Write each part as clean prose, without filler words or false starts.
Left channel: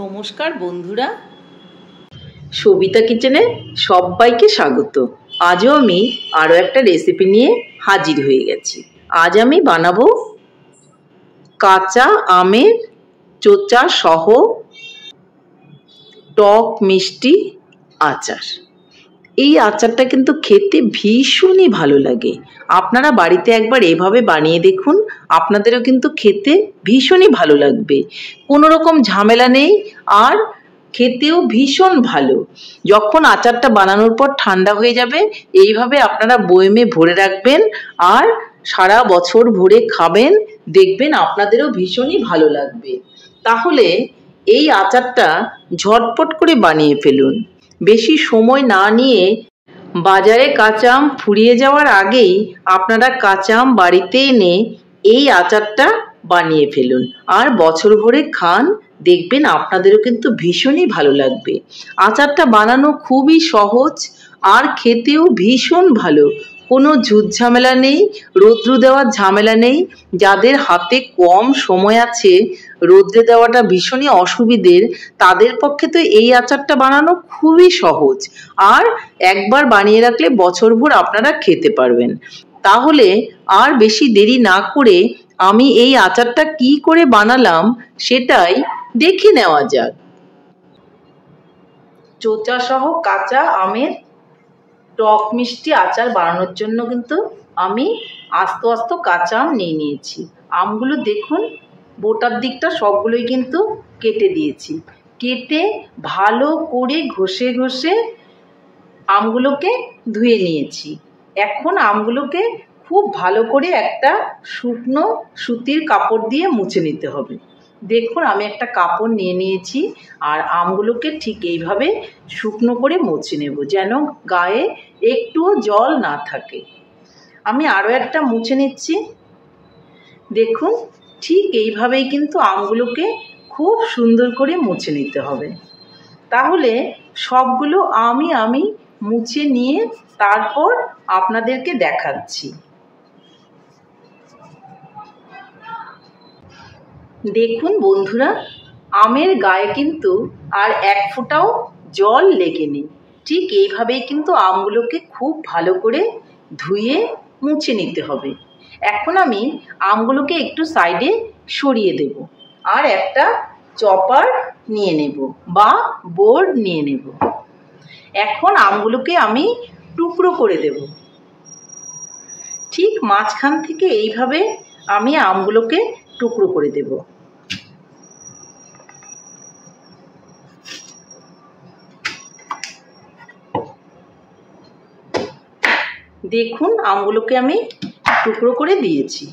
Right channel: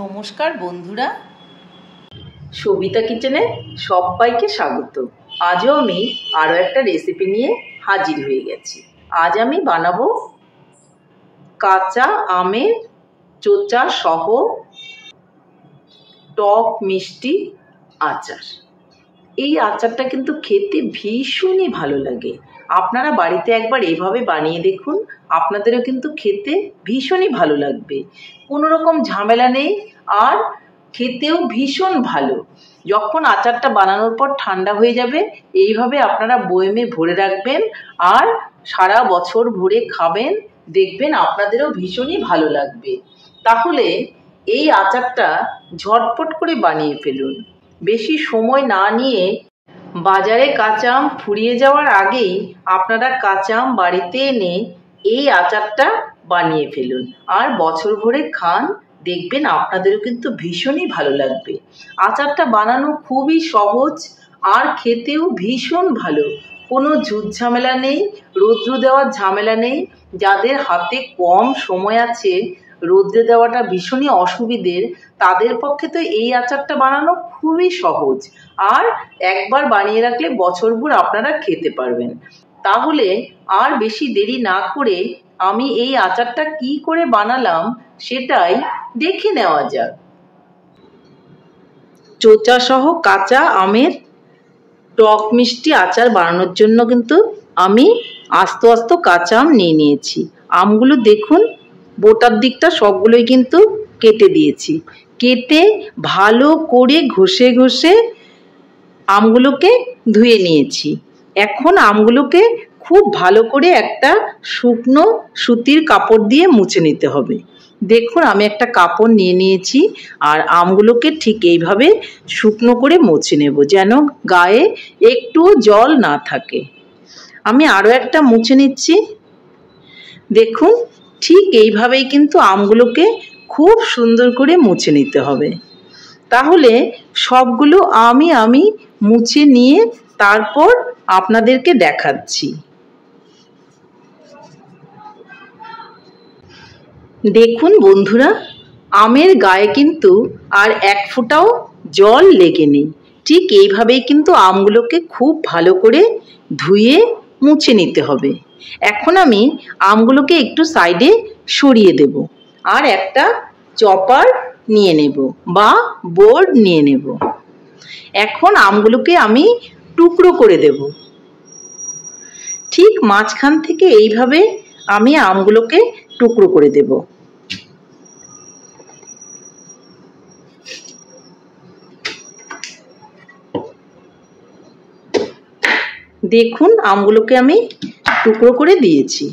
নমস্কার বন্ধুরা, সবিতা কিচেনে সবাইকে স্বাগত। আজও আমি আরও একটা রেসিপি নিয়ে হাজির হয়ে গেছি। আজ আমি বানাবো কাঁচা আমের চোচা সহ টক মিষ্টি আচার। এই আচারটা কিন্তু খেতে ভীষণই ভালো লাগে। আপনারা বাড়িতে একবার এভাবে বানিয়ে দেখুন, আপনাদেরও কিন্তু খেতে ভীষণই ভালো লাগবে। কোনো রকম ঝামেলা নেই, আর খেতেও ভীষণ ভালো। যখন আচারটা বানানোর পর ঠান্ডা হয়ে যাবে, এইভাবে আপনারা বয়মে ভরে রাখবেন আর সারা বছর ভরে খাবেন, দেখবেন আপনাদেরও ভীষণই ভালো লাগবে। তাহলে এই আচারটা ঝটপট করে বানিয়ে ফেলুন। বেশি সময় না নিয়ে বাজারে কাঁচা আম ফুরিয়ে যাওয়ার আগেই আপনারা কাঁচা আম বাড়িতে এনে এই আচারটা বানিয়ে ফেলুন আর বছর ভরে খান, দেখবেন আপনাদেরও কিন্তু ভীষণই ভালো লাগবে। আচারটা বানানো খুবই সহজ আর খেতেও ভীষণ ভালো। কোনো ঝুট ঝামেলা নেই, রৌদ্র দেওয়ার ঝামেলা নেই। যাদের হাতে কম সময় আছে, রৌদ্রে দেওয়াটা ভীষণই অসুবিধের, তাদের পক্ষে তো এই আচারটা বানানো খুবই সহজ। আর একবার বানিয়ে রাখলে বছরভর আপনারা খেতে পারবেন। তাহলে আর বেশি দেরি না করে আমি এই আচারটা কি করে বানালাম সেটাই দেখে নেওয়া যাক। চোচা সহ কাঁচা আমের টক মিষ্টি আচার বানানোর জন্য কিন্তু আমি আস্ত আস্ত কাঁচা আম নিয়ে নিয়েছি। আমগুলো দেখুন, বোটার দিকটা সবগুলোই কিন্তু কেটে দিয়েছি। কেটে ভালো করে ঘষে ঘষে আমগুলোকে ধুয়ে নিয়েছি। এখন আমগুলোকে খুব ভালো করে একটা শুকনো সুতির কাপড় দিয়ে মুছে নিতে হবে। দেখুন, আমি একটা কাপড় নিয়ে নিয়েছি আর আমগুলোকে ঠিক এইভাবে শুকনো করে মুছে নেব, যেন গায়ে একটু জল না থাকে। আমি আরও একটা মুছে নিচ্ছি। দেখুন, ঠিক এইভাবেই কিন্তু আমগুলোকে খুব সুন্দর করে মুছে নিতে হবে। তাহলে সবগুলো আমি মুছে নিয়ে তারপর আপনাদেরকে দেখাচ্ছি। দেখুন বন্ধুরা, আমের গায়ে কিন্তু আর এক ফোঁটাও জল লেগে নেই। ঠিক এইভাবেই কিন্তু আমগুলোকে খুব ভালো করে ধুয়ে মুছে নিতে হবে। এখন আমি আমগুলোকে একটু সাইডে সরিয়ে দেব আর একটা চপার নিয়ে নেব বা বোর্ড নিয়ে নেব। এখন আমগুলোকে আমি টুকরো করে দেব। ঠিক মাঝখান থেকে এইভাবে আমি আমগুলোকে টুকরো করে দেব। দেখুন, আমগুলোকে আমি টুকরো করে দিয়েছি।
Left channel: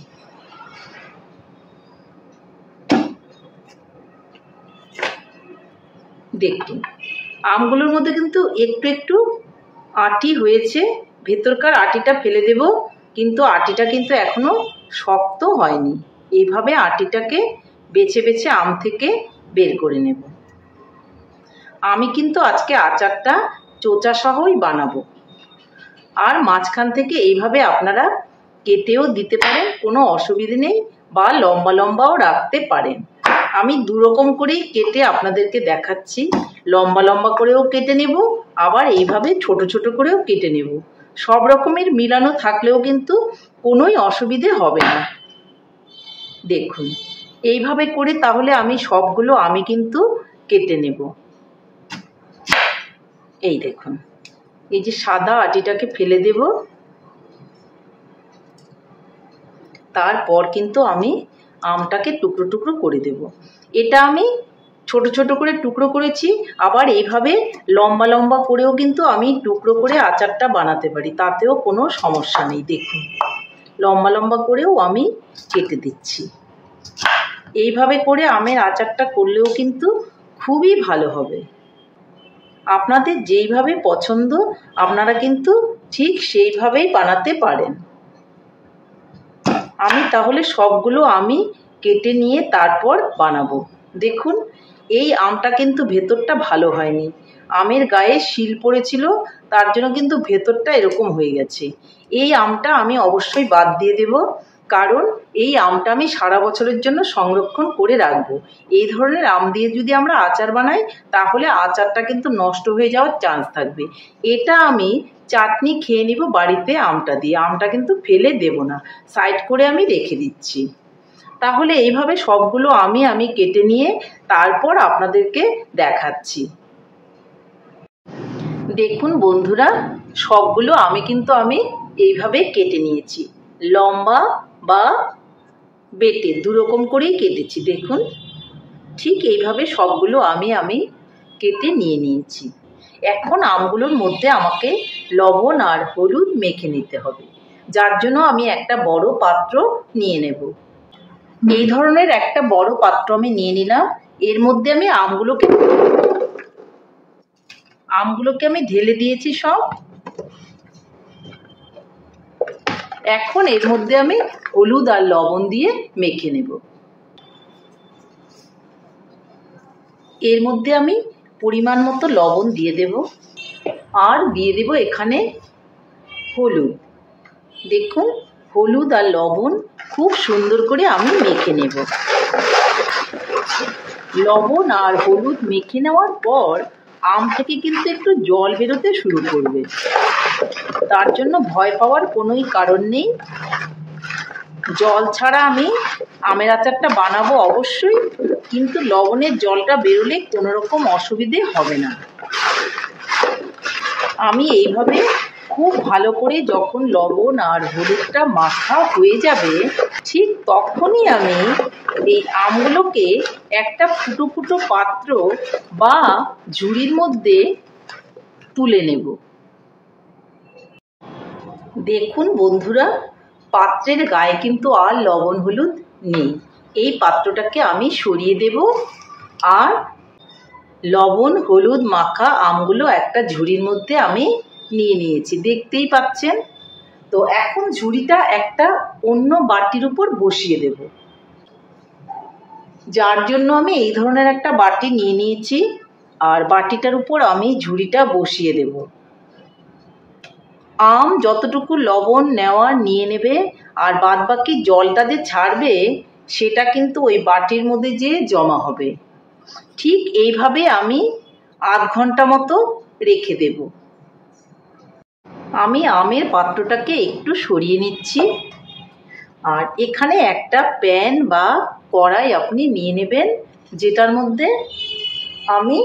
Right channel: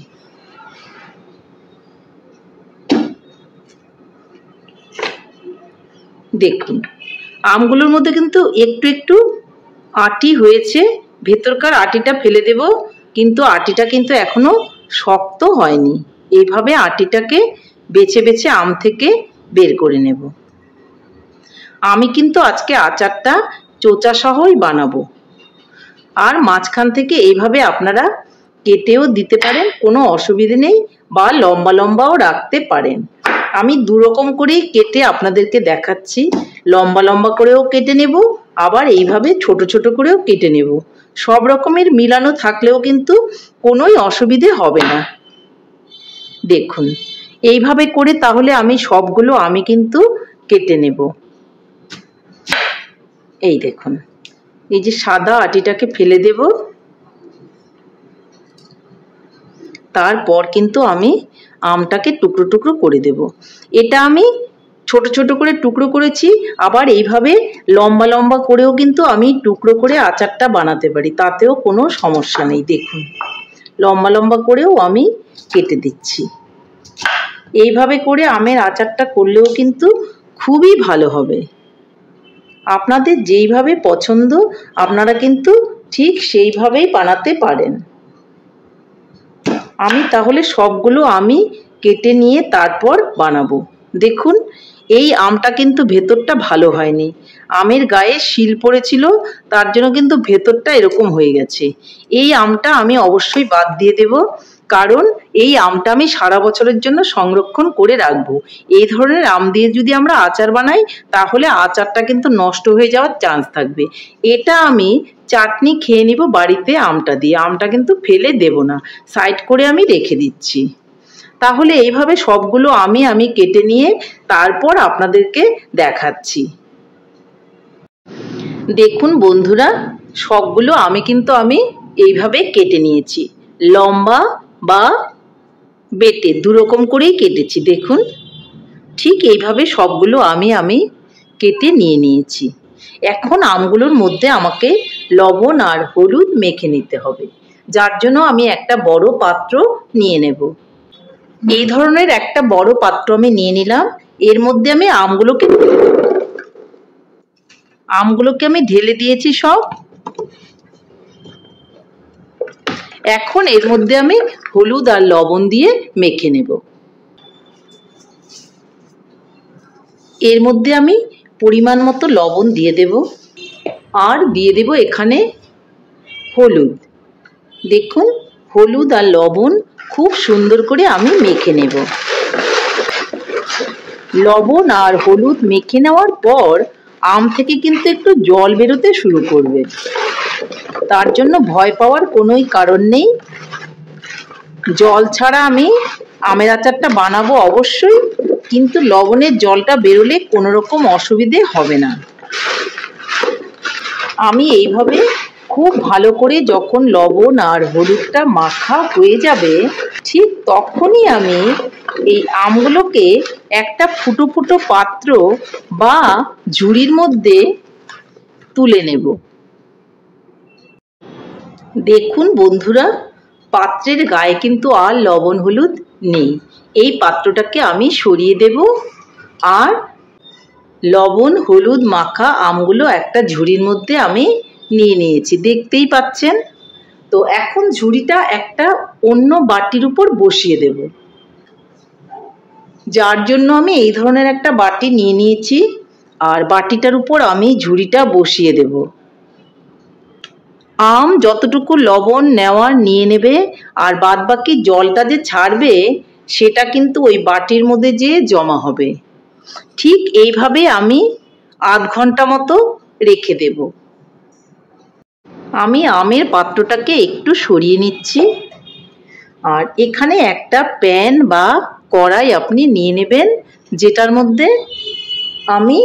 দেখুন, আমগুলোর মধ্যে কিন্তু একটু একটু আটি হয়েছে। ভেতরকার আটিটা ফেলে দেব, কিন্তু আটিটা কিন্তু এখনো শক্ত হয়নি। এইভাবে আটিটাকে বেছে বেছে আম থেকে বের করে নেব। আমি কিন্তু আজকে আচারটা চোচা সহই বানাবো। আর মাঝখান থেকে এইভাবে আপনারা কেটেও দিতে পারেন, কোনো অসুবিধে নেই, বা লম্বা লম্বাও রাখতে পারেন। আমি দুরকম করেই কেটে আপনাদেরকে দেখাচ্ছি। লম্বা লম্বা করেও কেটে নেব, আবার এইভাবে ছোট ছোট করেও কেটে নেব। সব রকমের মিলানো থাকলেও কিন্তু কোনোই অসুবিধে হবে না। দেখুন, এইভাবে করে তাহলে আমি সবগুলো আমি কিন্তু কেটে নেব। এই দেখুন, এই যে সাদা আটিটাকে ফেলে দেব। তারপর কিন্তু আমি আমটাকে টুকরো টুকরো করে দেব। এটা আমি ছোট ছোট করে টুকরো করেছি, আবার এইভাবে লম্বা লম্বা করেও কিন্তু আমি টুকরো করে আচারটা বানাতে পারি, তাতেও কোনো সমস্যা নেই। দেখুন, লম্বা লম্বা করেও আমি কেটে দিচ্ছি। এইভাবে করে আমের আচারটা করলেও কিন্তু খুবই ভালো হবে। আপনাদের যেইভাবে পছন্দ আপনারা কিন্তু ঠিক সেইভাবেই বানাতে পারেন। আমি তাহলে সবগুলো আমি কেটে নিয়ে তারপর বানাবো। দেখুন, এই আমটা কিন্তু ভেতরটা ভালো হয়নি। আমের গায়ে শিল পড়েছিল, তার জন্য কিন্তু ভেতরটা এরকম হয়ে গেছে। এই আমটা আমি অবশ্যই বাদ দিয়ে দেব। কারণ এই আমটা আমি সারা বছরের জন্য সংরক্ষণ করে রাখবো। এই ধরনের আম দিয়ে যদি আমরা আচার বানাই তাহলে আচারটা কিন্তু নষ্ট হয়ে যাওয়ার চান্স থাকবে। এটা আমি চাটনি খেয়ে নিব বাড়িতে আমটা দিয়ে, আমটা কিন্তু ফেলে দেব না, সাইড করে আমি রেখে দিচ্ছি। তাহলে এইভাবে সবগুলো আমি কেটে নিয়ে তারপর আপনাদেরকে দেখাচ্ছি। দেখুন বন্ধুরা, সবগুলো কিন্তু আমি এইভাবে কেটে নিয়েছি, লম্বা বা বেটে দুরকম করেই কেটেছি। দেখুন ঠিক এইভাবে সবগুলো আমি কেটে নিয়ে নিয়েছি। এখন আমগুলোর মধ্যে আমাকে লবণ আর হলুদ মেখে নিতে হবে, যার জন্য আমি একটা বড় পাত্র নিয়ে নেব। এই ধরনের একটা বড় পাত্র আমি নিয়ে নিলাম। এর মধ্যে আমি আমগুলোকে আমি ঢেলে দিয়েছি সব। এখন এর মধ্যে আমি হলুদ আর লবণ দিয়ে মেখে নেব। এর মধ্যে আমি পরিমাণ মতো লবণ দিয়ে দেব আর দিয়ে দেব এখানে হলুদ। দেখুন হলুদ আর লবণ খুব সুন্দর করে আমি মেখে নেব। লবণ আর হলুদ মেখে নেওয়ার পর আম থেকে কিন্তু একটু জল বেরোতে শুরু করবে, তার জন্য ভয় পাওয়ার কোনোই কারণ নেই। জল ছাড়া আমি আমের আচারটা বানাবো অবশ্যই, কিন্তু লবণের জলটা বেরোলে কোনো রকম অসুবিধে হবে না। আমি এইভাবে খুব ভালো করে যখন লবণ আর হলুদটা মাখা হয়ে যাবে ঠিক তখনই আমি এই আমগুলোকে একটা ফুটো ফুটো পাত্র বা ঝুড়ির মধ্যে তুলে নেব। দেখুন বন্ধুরা, পাত্রের গায়ে কিন্তু আর লবণ হলুদ নেই। এই পাত্রটাকে আমি সরিয়ে দেব আর লবণ হলুদ মাখা আমগুলো একটা ঝুড়ির মধ্যে আমি নিয়ে নিয়েছি, দেখতেই পাচ্ছেন। তো এখন ঝুড়িটা একটা অন্য বাটির উপর বসিয়ে দেব, যার জন্য আমি এই ধরনের একটা বাটি নিয়ে নিয়েছি। আর বাটিটার উপর আমি ঝুড়িটা বসিয়ে দেব। আম যতটুকু লবণ নেওয়ার নিয়ে নেবে, আর বাদ বাকি জলটা যে ছাড়বে সেটা কিন্তু ওই বাটির মধ্যে যে জমা হবে। ঠিক এইভাবে আমি আধ ঘন্টা মতো রেখে দেব। আমি আমের পাত্রটাকে একটু সরিয়ে নিচ্ছি। আর এখানে একটা প্যান বা কড়াই আপনি নিয়ে নেবেন, যেটার মধ্যে আমি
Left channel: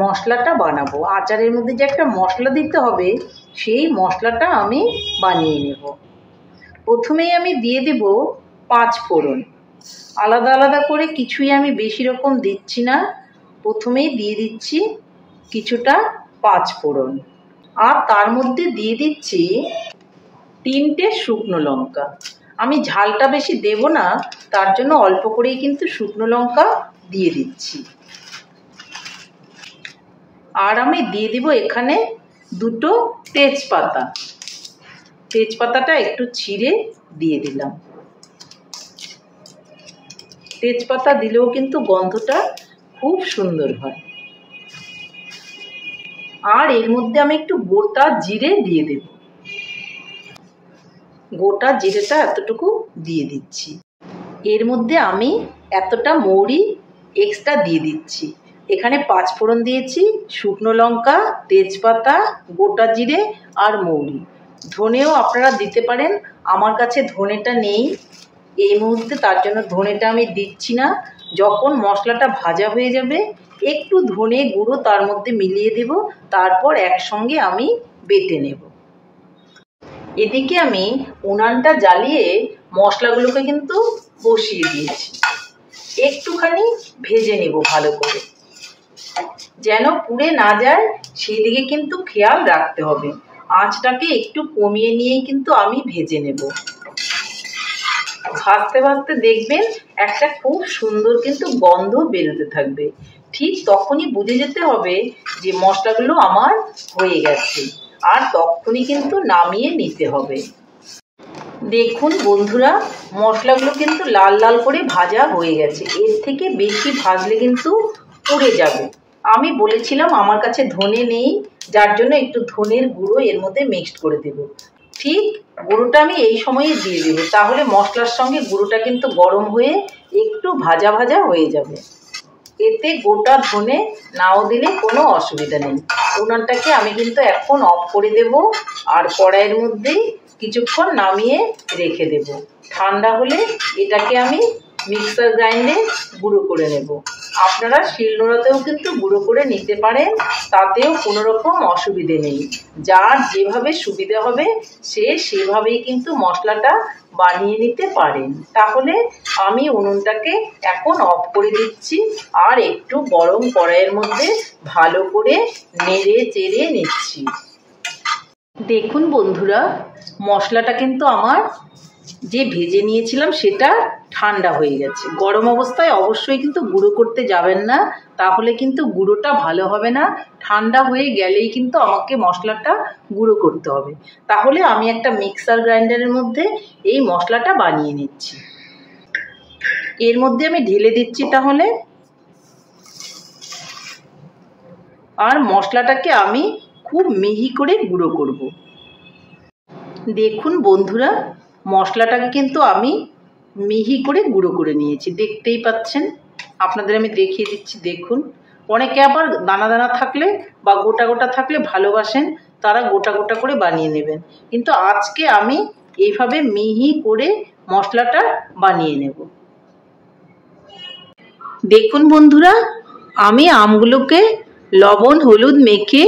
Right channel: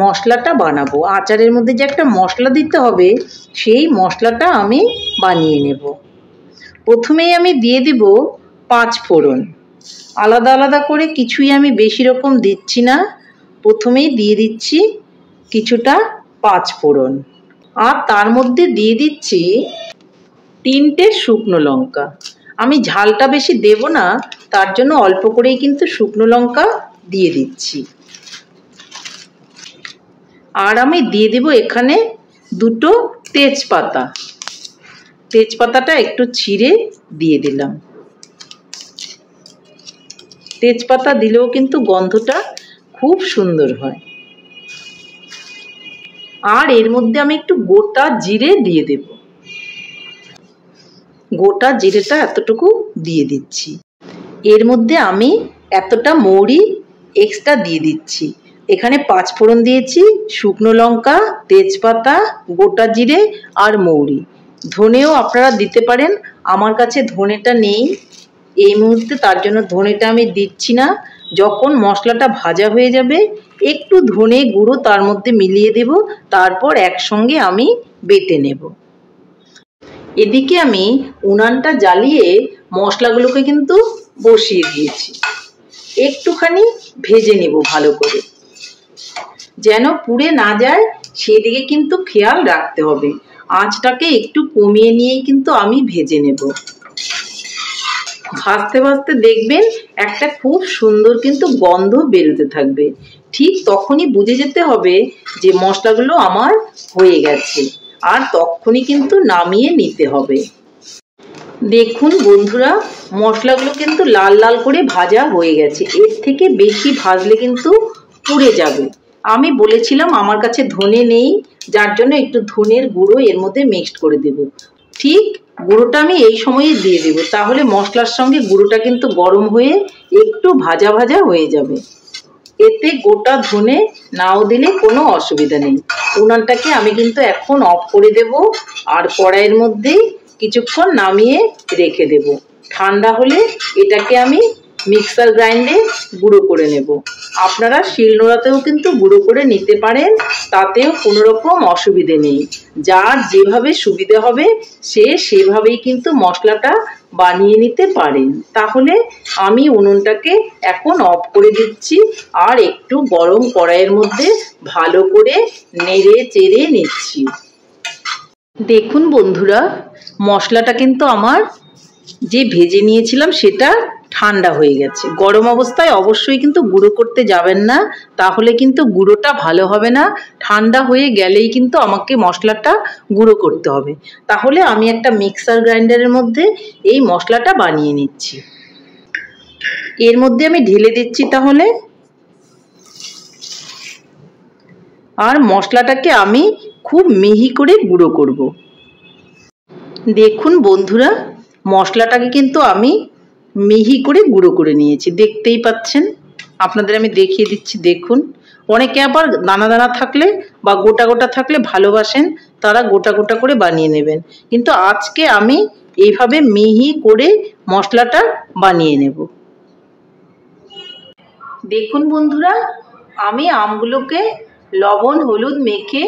মশলাটা বানাবো। আচারের মধ্যে যে একটা মশলা দিতে হবে সেই মশলাটা আমি বানিয়ে নেব। প্রথমেই আমি দিয়ে দেব 5 ফোড়ন। আলাদা আলাদা করে কিছুই আমি বেশি রকম দিচ্ছি না, প্রথমেই দিয়ে দিচ্ছি কিছুটা 5 ফোড়ন। আর তার মধ্যে দিয়ে দিচ্ছি 3টে শুকনো লঙ্কা। আমি ঝালটা বেশি দেব না, তার জন্য অল্প করেই কিন্তু শুকনো লঙ্কা দিয়ে দিচ্ছি। আর আমি দিয়ে দেব এখানে 2টো তেজপাতা। তেজপাতাটা একটু ছিঁড়ে দিয়ে দিলাম। তেজপাতা দিলেও কিন্তু গন্ধটা খুব সুন্দর হয়। আর এর মধ্যে আমি একটু গোটা জিরে দিয়ে দেব। গোটা জিরেটা এতটুকু দিয়ে দিচ্ছি। এর মধ্যে আমি এতটা মৌরি এক্সট্রা দিয়ে দিচ্ছি। এখানে 5 ফোড়ন দিয়েছি, শুকনো লঙ্কা, তেজপাতা, গোটা জিরে আর মৌরি। ধনেও আপনারা দিতে পারেন, আমার কাছে ধনেটা নেই এই মুহূর্তে, তার জন্য ধনেটা আমি দিচ্ছি না। যখন মশলাটা ভাজা হয়ে যাবে একটু ধনে গুঁড়ো তার মধ্যে মিলিয়ে দেব, তারপর একসঙ্গে আমি বেটে নেব। এদিকে আমি উনানটা জ্বালিয়ে মশলাগুলোকে কিন্তু বসিয়ে দিয়েছি। একটুখানি ভেজে নেব ভালো করে, যেন পুড়ে না যায় সেদিকে কিন্তু খেয়াল রাখতে হবে। আঁচটাকে একটু কমিয়ে নিয়েই কিন্তু আমি ভেজে নেব। ভাজতে ভাজতে দেখবেন একটা খুব সুন্দর কিন্তু গন্ধ বেরোতে থাকবে। ঠিক তখনই বুঝে যেতে হবে যে মশলাগুলো আমার হয়ে গেছে, আর তখনই কিন্তু নামিয়ে নিতে হবে। দেখুন বন্ধুরা, মশলাগুলো কিন্তু লাল লাল করে ভাজা হয়ে গেছে। এর থেকে বেশি ভাজলে কিন্তু পুড়ে যাবে। আমি বলেছিলাম আমার কাছে ধনে নেই, যার জন্য একটু ধনের গুঁড়ো এর মধ্যে মিক্সড করে দেব। ঠিক গুঁড়োটা আমি এই সময়ে দিয়ে দেবো, তাহলে মশলার সঙ্গে গুঁড়োটা কিন্তু গরম হয়ে একটু ভাজা ভাজা হয়ে যাবে। এতে গোটা ধনে নাও দিলে কোনো অসুবিধা নেই। উনানটাকে আমি কিন্তু এখন অফ করে দেব, আর কড়াইয়ের মধ্যেই কিছুক্ষণ নামিয়ে রেখে দেব। ঠান্ডা হলে এটাকে আমি মিক্সার গ্রাইন্ডে গুঁড়ো করে নেব। আপনারা শিলনোড়াতেও কিন্তু গুঁড়ো করে নিতে পারেন, তাতেও কোনো রকম অসুবিধে নেই। যার যেভাবে সুবিধে হবে সে সেভাবেই কিন্তু মশলাটা বানিয়ে নিতে পারেন। তাহলে আমি উনুনটাকে এখন অফ করে দিচ্ছি, আর একটু গরম কড়াইয়ের মধ্যে ভালো করে নেড়ে চেড়ে নিচ্ছি। দেখুন বন্ধুরা, মশলাটা কিন্তু আমার যে ভেজে নিয়েছিলাম সেটা ঠান্ডা হয়ে গেছে। গরম অবস্থায় অবশ্যই কিন্তু গুঁড়ো করতে যাবেন না, তাহলে কিন্তু গুঁড়োটা ভালো হবে না। ঠান্ডা হয়ে গেলেই কিন্তু আমাকে মশলাটা গুঁড়ো করতে হবে। তাহলে আমি একটা মিক্সার গ্রাইন্ডারের মধ্যে এই মশলাটা বানিয়ে নিচ্ছি। এর মধ্যে আমি ঢেলে দিচ্ছি তাহলে, আর মশলাটাকে আমি খুব মিহি করে গুঁড়ো করব। দেখুন বন্ধুরা, মশলাটাকে কিন্তু আমি মিহি করে গুঁড়ো করে নিয়েছি, দেখতেই পাচ্ছেন। আপনাদের আমি দেখিয়ে দিচ্ছি, দেখুন। অনেকে আবার দানা দানা থাকলে বা গোটা গোটা থাকলে ভালোবাসেন, তারা গোটা গোটা করে বানিয়ে নেবেন, কিন্তু আজকে আমি এইভাবে মিহি করে মশলাটা বানিয়ে নেব। দেখুন বন্ধুরা, আমি আমগুলোকে লবণ হলুদ মেখে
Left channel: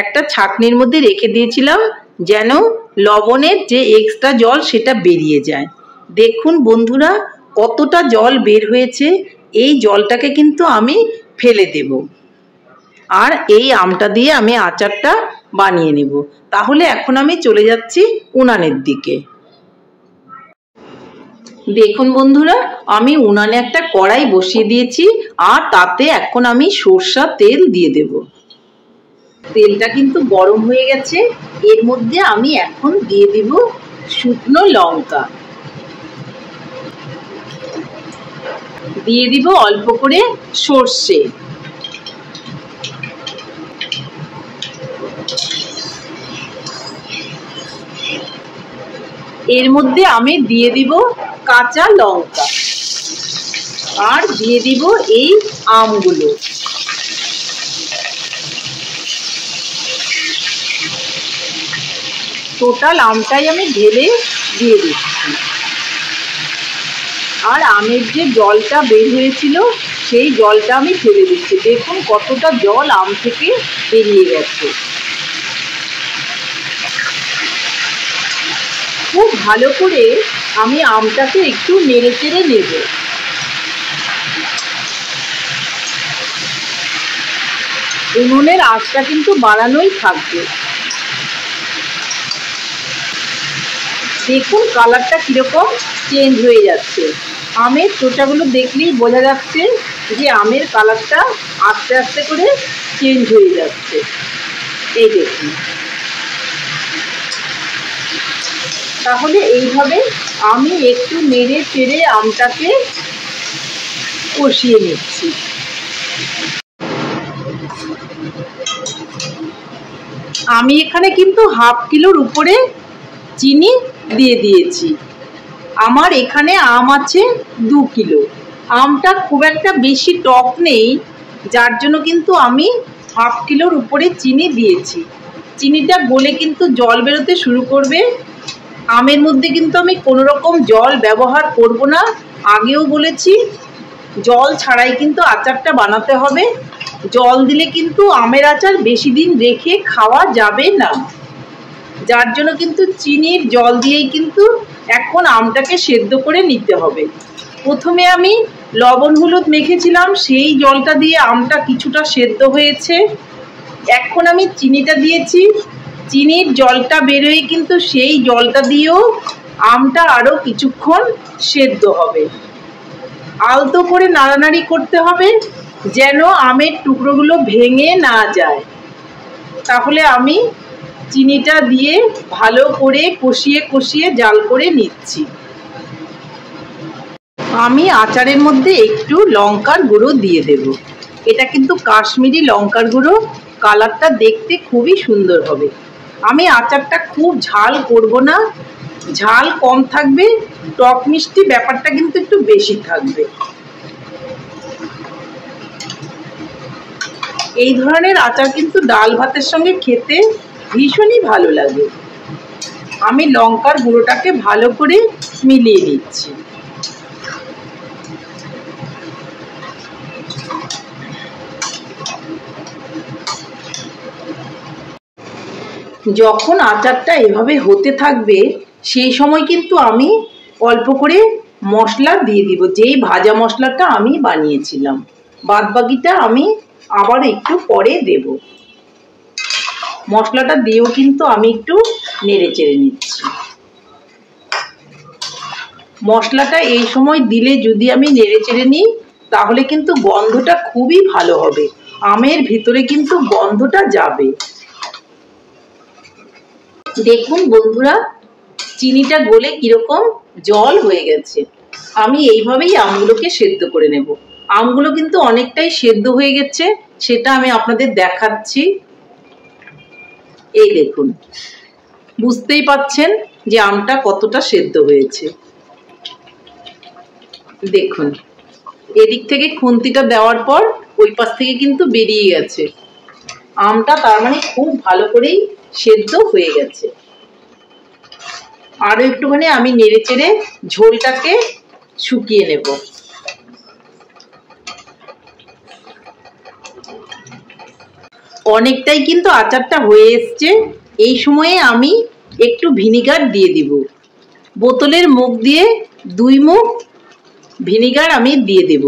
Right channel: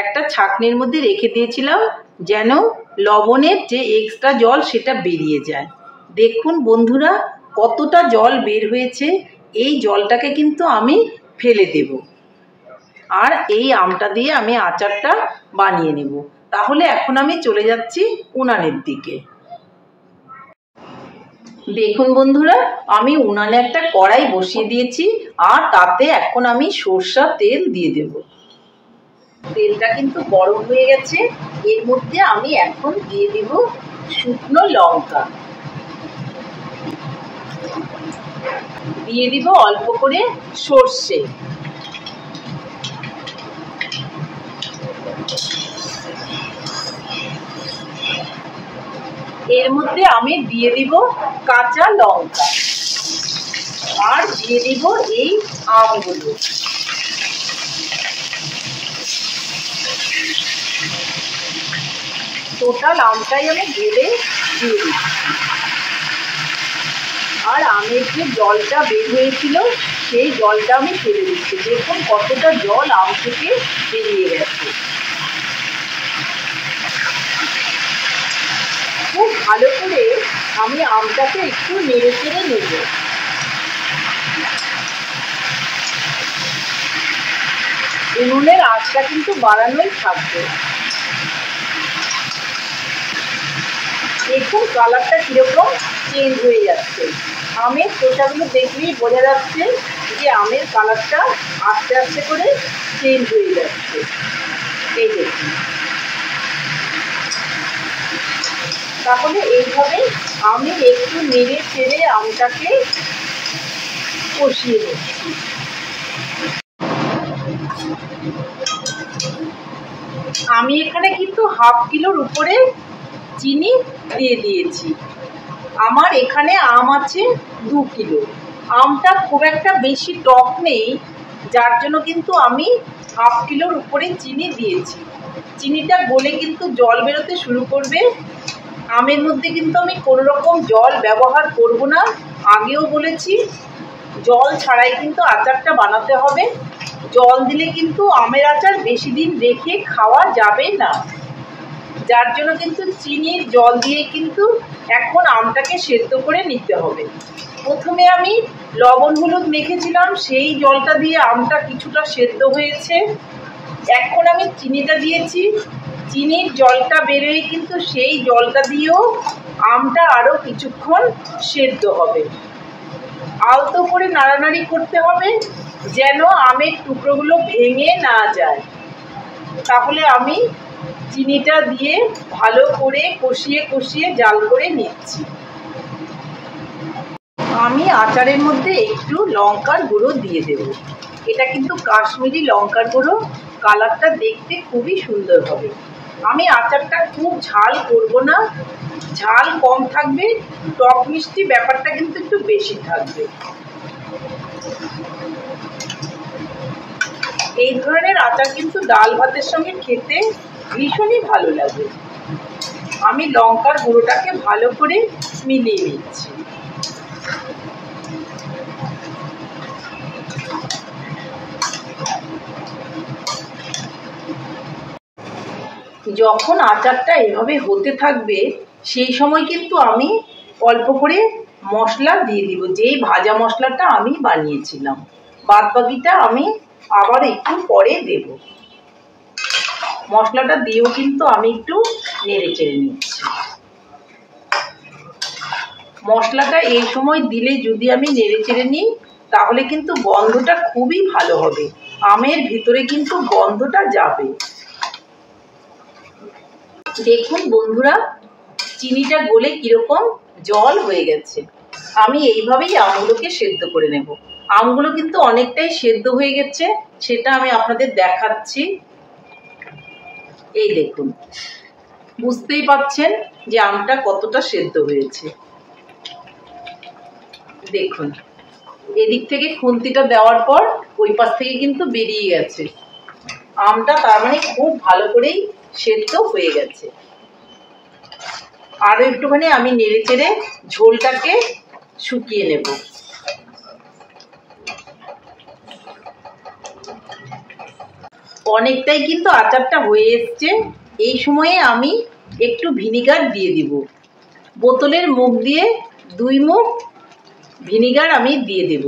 একটা ছাঁকনির মধ্যে রেখে দিয়েছিলাম, যেন লবণের যে এক্সট্রা জল সেটা বেরিয়ে যায়। দেখুন বন্ধুরা, কতটা জল বের হয়েছে। এই জলটাকে কিন্তু আমি ফেলে দেব, আর এই আমটা দিয়ে আমি আচারটা বানিয়ে নেব। তাহলে এখন আমি চলে যাচ্ছি উনানের দিকে। দেখুন বন্ধুরা, আমি উনানে একটা কড়াই বসিয়ে দিয়েছি, আর তাতে এখন আমি সরষের তেল দিয়ে দেব। তেলটা কিন্তু গরম হয়ে গেছে। এর মধ্যে আমি এখন দিয়ে দিব শুকনো লঙ্কা, দিয়ে দিব অল্প করে সর্ষে, এর মধ্যে আমি দিয়ে দিব কাঁচা লঙ্কা, আর দিয়ে দিব এই আমগুলো। টোটাল আমটাই আমি ঢেলে দিয়ে দিচ্ছি, আর আমের যে জলটা বের হয়েছিল সেই জলটা আমি ফেলে দিচ্ছি। দেখুন কতটা জল আম থেকে বেরিয়ে গেছে। খুব ভালো করে আমি আমটাকে একটু নেড়ে চেড়ে নেব। উনুনের আঁচটা কিন্তু বাড়ানোই থাকবে। দেখুন কালারটা কিরকম চেঞ্জ হয়ে যাচ্ছে। আমের চোচাগুলো দেখলেই বোঝা যাচ্ছে যে আমের কালারটা আস্তে আস্তে করে চেঞ্জ হয়ে যাচ্ছে। এই দেখুন, তাহলে এইভাবে আমি একটু নেড়ে চেড়ে আমটাকে কষিয়ে নিচ্ছি। আমি এখানে কিন্তু হাফ কিলোর উপরে চিনি দিয়ে দিয়েছি। আমার এখানে আম আছে 2 কিলো। আমটা খুব একটা বেশি টক নেই, যার জন্য কিন্তু আমি হাফ কিলোর উপরে চিনি দিয়েছি। চিনিটা গলে কিন্তু জল বেরোতে শুরু করবে। আমের মধ্যে কিন্তু আমি কোনো রকম জল ব্যবহার করব না, আগেও বলেছি। জল ছাড়াই কিন্তু আচারটা বানাতে হবে। জল দিলে কিন্তু আমের আচার বেশি দিন রেখে খাওয়া যাবে না, যার জন্য কিন্তু চিনির জল দিয়েই কিন্তু এখন আমটাকে সেদ্ধ করে নিতে হবে। প্রথমে আমি লবণ হলুদ মেখেছিলাম, সেই জলটা দিয়ে আমটা কিছুটা সেদ্ধ হয়েছে। এখন আমি চিনিটা দিয়েছি, চিনির জলটা বেরোয় কিন্তু সেই জলটা দিয়েও আমটা আরও কিছুক্ষণ সেদ্ধ হবে। আলতো করে নাড়ানাড়ি করতে হবে যেন আমের টুকরোগুলো ভেঙে না যায়। তাহলে আমি চিনিটা দিয়ে ভালো করে কষিয়ে কষিয়ে জাল করে নিচ্ছি। আমি আচারের মধ্যে একটু লঙ্কার গুঁড়ো দিয়ে দেব। এটা কিন্তু কাশ্মীরি লঙ্কার গুঁড়ো, কালারটা দেখতে খুবই সুন্দর হবে। আমি আচারটা খুব ঝাল করব না, ঝাল কম থাকবে, টক মিষ্টি ব্যাপারটা কিন্তু একটু বেশি থাকবে। এই ধরনের আচার কিন্তু ডাল ভাতের সঙ্গে খেতে ভীষণই ভালো লাগে। আমি লঙ্কার গুঁড়োটাকে ভালো করে মিলিয়ে নিচ্ছি। যখন আচারটা এভাবে হতে থাকবে সেই সময় কিন্তু আমি অল্প করে মশলা দিয়ে দিব, যেই ভাজা মশলাটা আমি বানিয়েছিলাম। বাদ বাকিটা আমি আবার একটু পরে দেব। মশলাটা দিয়েও কিন্তু আমি একটু নেড়ে চেড়ে নিচ্ছি। মশলাটা এই সময় দিলে যদি আমি নেড়ে চেড়ে নিই তাহলে কিন্তু গন্ধটা খুবই ভালো হবে, আমের ভিতরে কিন্তু গন্ধটা যাবে। দেখুন বন্ধুরা, চিনিটা গলে কিরকম জল হয়ে গেছে। আমি এইভাবেই আমগুলোকে সেদ্ধ করে নেব। আমগুলো কিন্তু অনেকটাই সেদ্ধ হয়ে গেছে, সেটা আমি আপনাদের দেখাচ্ছি। এই দেখুন, বুঝতেই পাচ্ছেন যে আমটা কতটা সেদ্ধ হয়েছে। দেখুন, এদিক থেকে খুন্তিটা দেওয়ার পর ওই পাশ থেকে কিন্তু বেরিয়ে গেছে। আমটা তার মানে খুব ভালো করেই সেদ্ধ হয়ে গেছে। আরো একটুখানি আমি নেড়ে চেড়ে ঝোলটাকে শুকিয়ে নেব। অনেকটাই কিন্তু আচারটা হয়ে এসছে। এই সময়ে আমি একটু ভিনিগার দিয়ে দিব। বোতলের মুখ দিয়ে 2 মুখ ভিনিগার আমি দিয়ে দেব।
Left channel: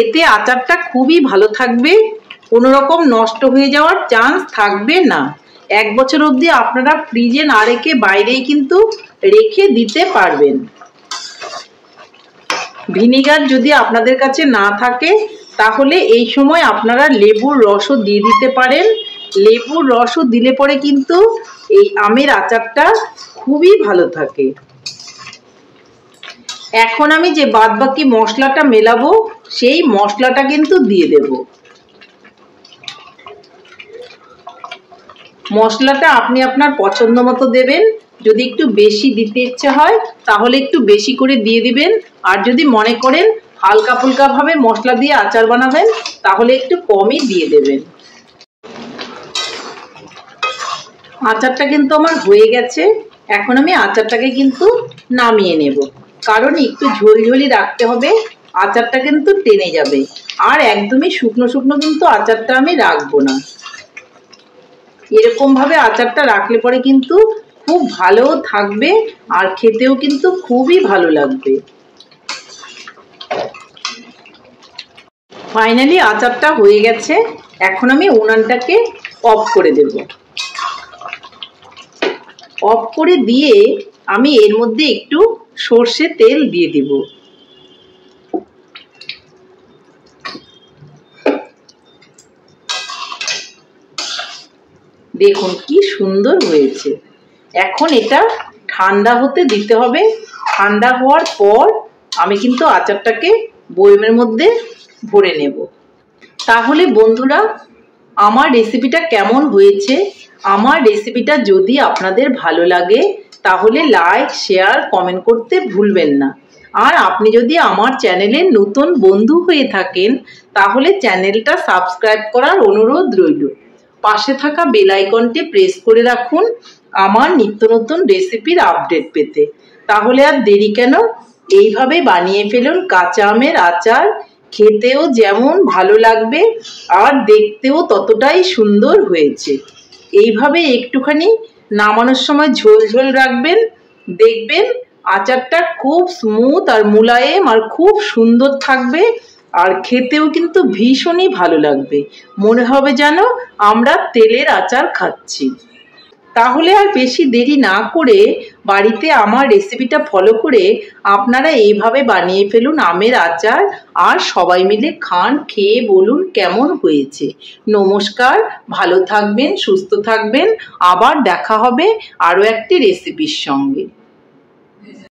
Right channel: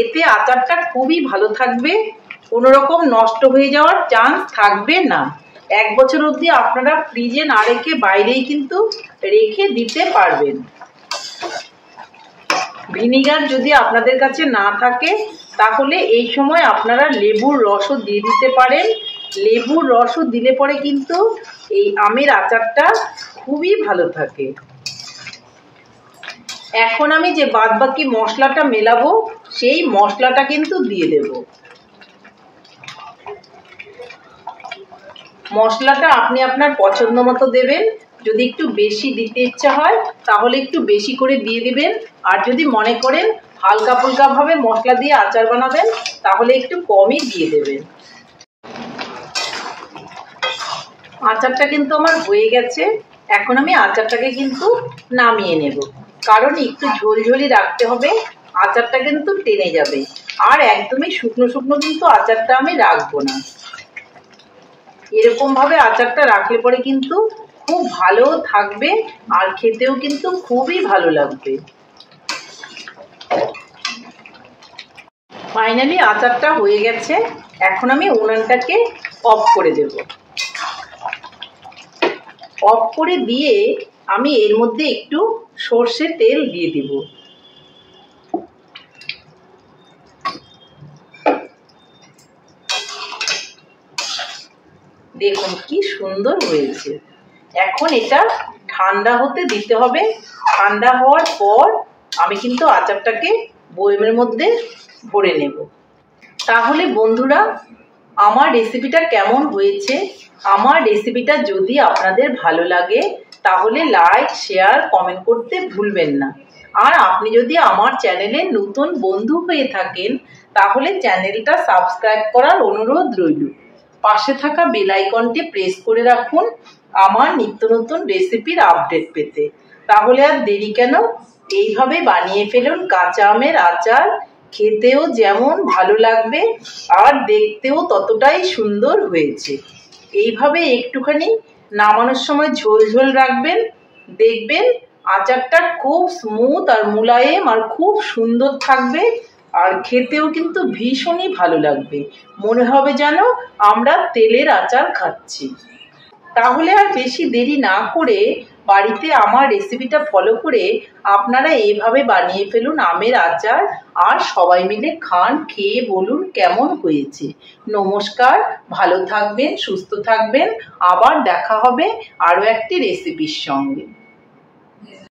এতে আচারটা খুবই ভালো থাকবে, কোনো রকম নষ্ট হয়ে যাওয়ার চান্স থাকবে না। 1 বছর অবধি আপনারা ফ্রিজে না রেখে বাইরেই কিন্তু রেখে দিতে পারবেন। ভিনিগার যদি আপনাদের কাছে না থাকে তাহলে এই সময় আপনারা লেবুর রসও দিয়ে দিতে পারেন। লেবুর রসও দিলে পরে কিন্তু এই আমের আচারটা খুবই ভালো থাকে। এখন আমি যে বাদবাকি মশলাটা মেলাবো সেই মশলাটা কিন্তু দিয়ে দেব। মশলাটা আপনি আপনার পছন্দ মতো দেবেন। যদি একটু বেশি দিতে ইচ্ছে হয় তাহলে একটু বেশি করে দিয়ে দিবেন, আর যদি মনে করেন হালকা ফুলকা ভাবে মশলা দিয়ে আচার বানাবেন তাহলে একটু কমই দিয়ে দেবেন। আচারটা কিন্তু আমার হয়ে গেছে। এখন আমি আচারটাকে কিন্তু নামিয়ে নেব, কারণ একটু ঝোলঝোলি রাখতে হবে, আচারটা কিন্তু টেনে যাবে। আর একদমই শুকনো শুকনো কিন্তু আচারটা আমি রাখবো না। এরকম ভাবে আচারটা রাখলে পরে কিন্তু খুব ভালো থাকবে আর খেতেও কিন্তু খুবই ভালো লাগবে। ফাইনালি আচারটা হয়ে গেছে। এখন আমি উনানটাকে অফ করে দেব। অফ করে দিয়ে আমি এর মধ্যে একটু সর্ষে তেল দিয়ে দিব। দেখুন কি সুন্দর হয়েছে। এখন এটা ঠান্ডা হতে দিতে হবে। ঠান্ডা হওয়ার পর আমি কিন্তু আচারটাকে বয়মের মধ্যে ভরে নেব। তাহলে বন্ধুরা, আমার রেসিপিটা কেমন হয়েছে? আমার রেসিপিটা যদি আপনাদের ভালো লাগে তাহলে লাইক, শেয়ার, কমেন্ট করতে ভুলবেন না। আর আপনি যদি আমার চ্যানেলের নতুন বন্ধু হয়ে থাকেন তাহলে চ্যানেলটা সাবস্ক্রাইব করার অনুরোধ রইল। পাশে থাকা বেল আইকনটি প্রেস করে রাখুন আমার নিত্য নতুন রেসিপির আপডেট পেতে। তাহলে আর দেরি কেন, এইভাবে বানিয়ে ফেলুন কাঁচা আমের আচার। খেতেও যেমন ভালো লাগবে আর দেখতেও ততটাই সুন্দর হয়েছে। এইভাবে একটুখানি নামানোর সময় ঝোল ঝোল রাখবেন, দেখবেন আচারটা খুব স্মুথ আর মোলায়েম আর খুব সুন্দর থাকবে। আর খেতেও কিন্তু ভীষণই ভালো লাগবে, মনে হবে যেন আমরা তেলের আচার খাচ্ছি। তাহলে আর বেশি দেরি না করে বাড়িতে আমার রেসিপিটা ফলো করে আপনারা এইভাবে বানিয়ে ফেলুন আমের আচার, আর সবাই মিলে খান, খেয়ে বলুন কেমন হয়েছে। নমস্কার, ভালো থাকবেন, সুস্থ থাকবেন। আবার দেখা হবে আরও একটি রেসিপির সঙ্গে।